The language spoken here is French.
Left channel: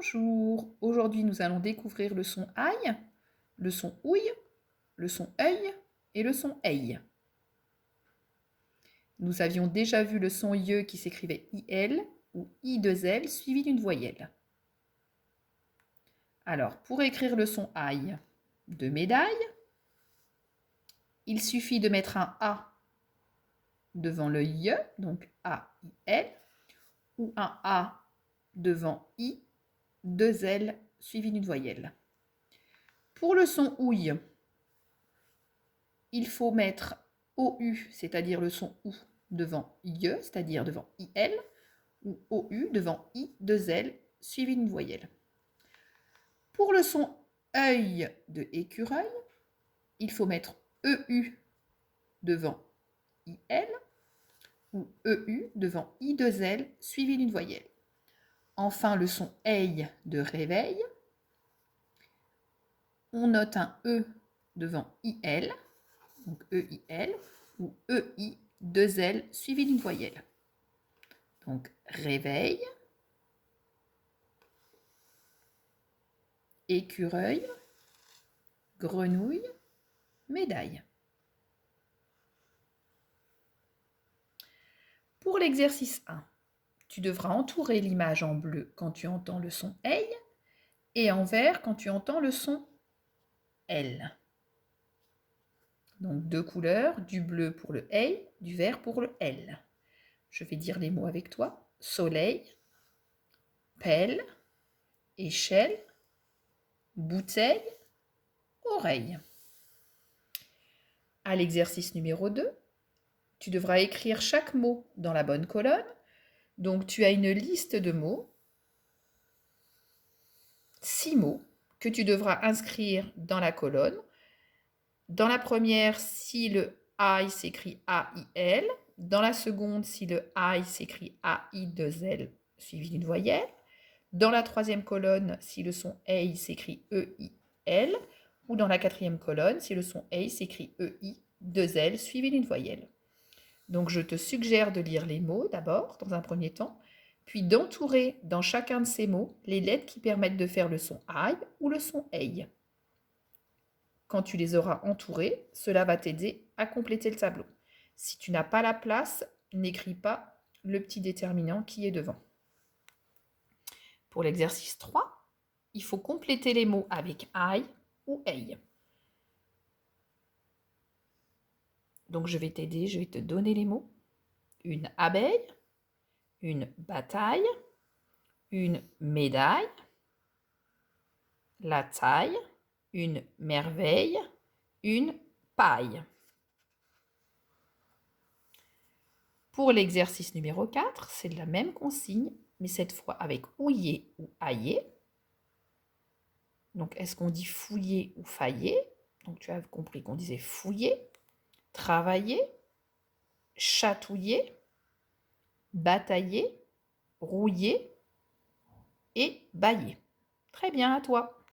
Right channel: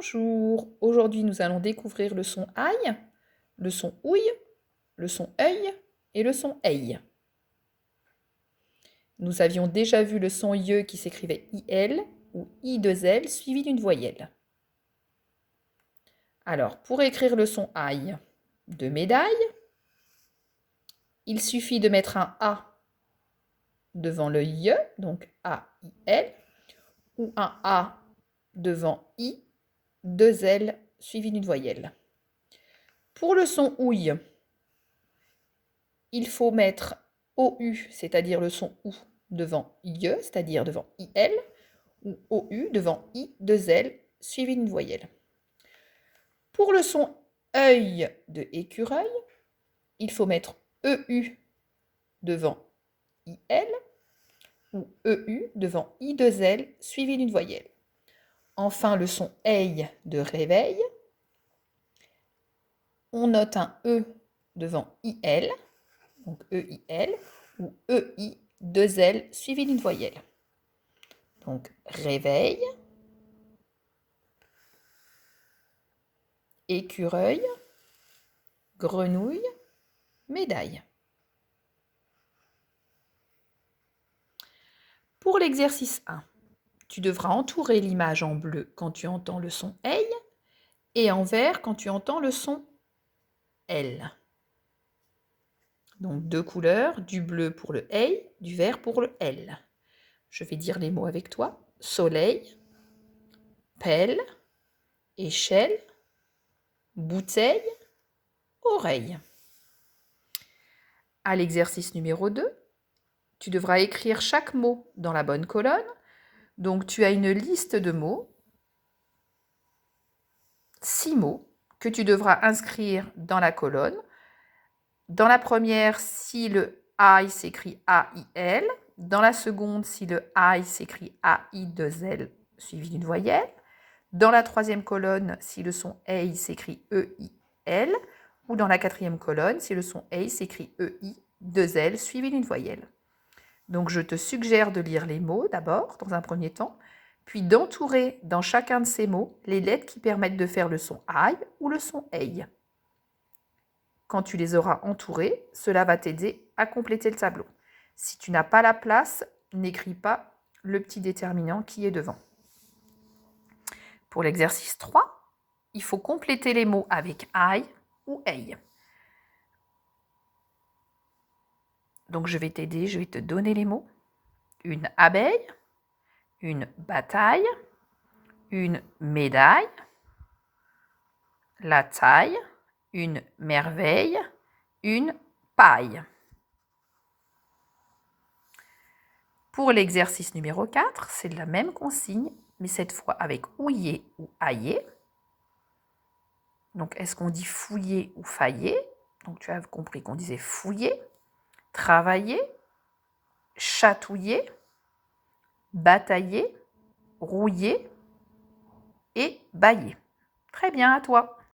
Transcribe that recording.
Bonjour, aujourd'hui nous allons découvrir le son aïe, le son ouille, le son œil et le son eille. Nous avions déjà vu le son ie qui s'écrivait IL ou I2L suivi d'une voyelle. Alors, pour écrire le son aïe de médaille, il suffit de mettre un A devant le ie, donc A-I-L, ou un A devant I, deux L suivi d'une voyelle. Pour le son ouille, il faut mettre OU, c'est-à-dire le son OU, devant IE, c'est-à-dire devant IL, ou OU devant I, deux L, suivi d'une voyelle. Pour le son œil de écureuil, il faut mettre EU devant IL, ou EU devant I, deux L, suivi d'une voyelle. Enfin, le son eille de réveil, on note un E devant IL, donc EIL, ou EI, deux L, suivi d'une voyelle. Donc, réveil, écureuil, grenouille, médaille. Pour l'exercice 1, tu devras entourer l'image en bleu quand tu entends le son eille et en vert quand tu entends le son L. Donc, deux couleurs, du bleu pour le eille, du vert pour le L. Je vais dire les mots avec toi. Soleil, pelle, échelle, bouteille, oreille. À l'exercice numéro 2, tu devras écrire chaque mot dans la bonne colonne. Donc, tu as une liste de mots, 6 mots, que tu devras inscrire dans la colonne. Dans la première, si le aïe s'écrit A-I-L. Dans la seconde, si le aïe s'écrit A-I-2-L suivi d'une voyelle. Dans la troisième colonne, si le son eille s'écrit E-I-L. Ou dans la quatrième colonne, si le son eille s'écrit E-I-2-L suivi d'une voyelle. Donc, je te suggère de lire les mots d'abord, dans un premier temps, puis d'entourer dans chacun de ces mots les lettres qui permettent de faire le son aïe ou le son eille. Quand tu les auras entourés, cela va t'aider à compléter le tableau. Si tu n'as pas la place, n'écris pas le petit déterminant qui est devant. Pour l'exercice 3, il faut compléter les mots avec aïe ou eille. Donc, je vais t'aider, je vais te donner les mots. Une abeille, une bataille, une médaille, la taille, une merveille, une paille. Pour l'exercice numéro 4, c'est la même consigne, mais cette fois avec ouiller ou ailler. Donc, est-ce qu'on dit fouiller ou failler? Donc, tu as compris qu'on disait fouiller, travailler, chatouiller, batailler, rouiller et bailler. Très bien, à toi.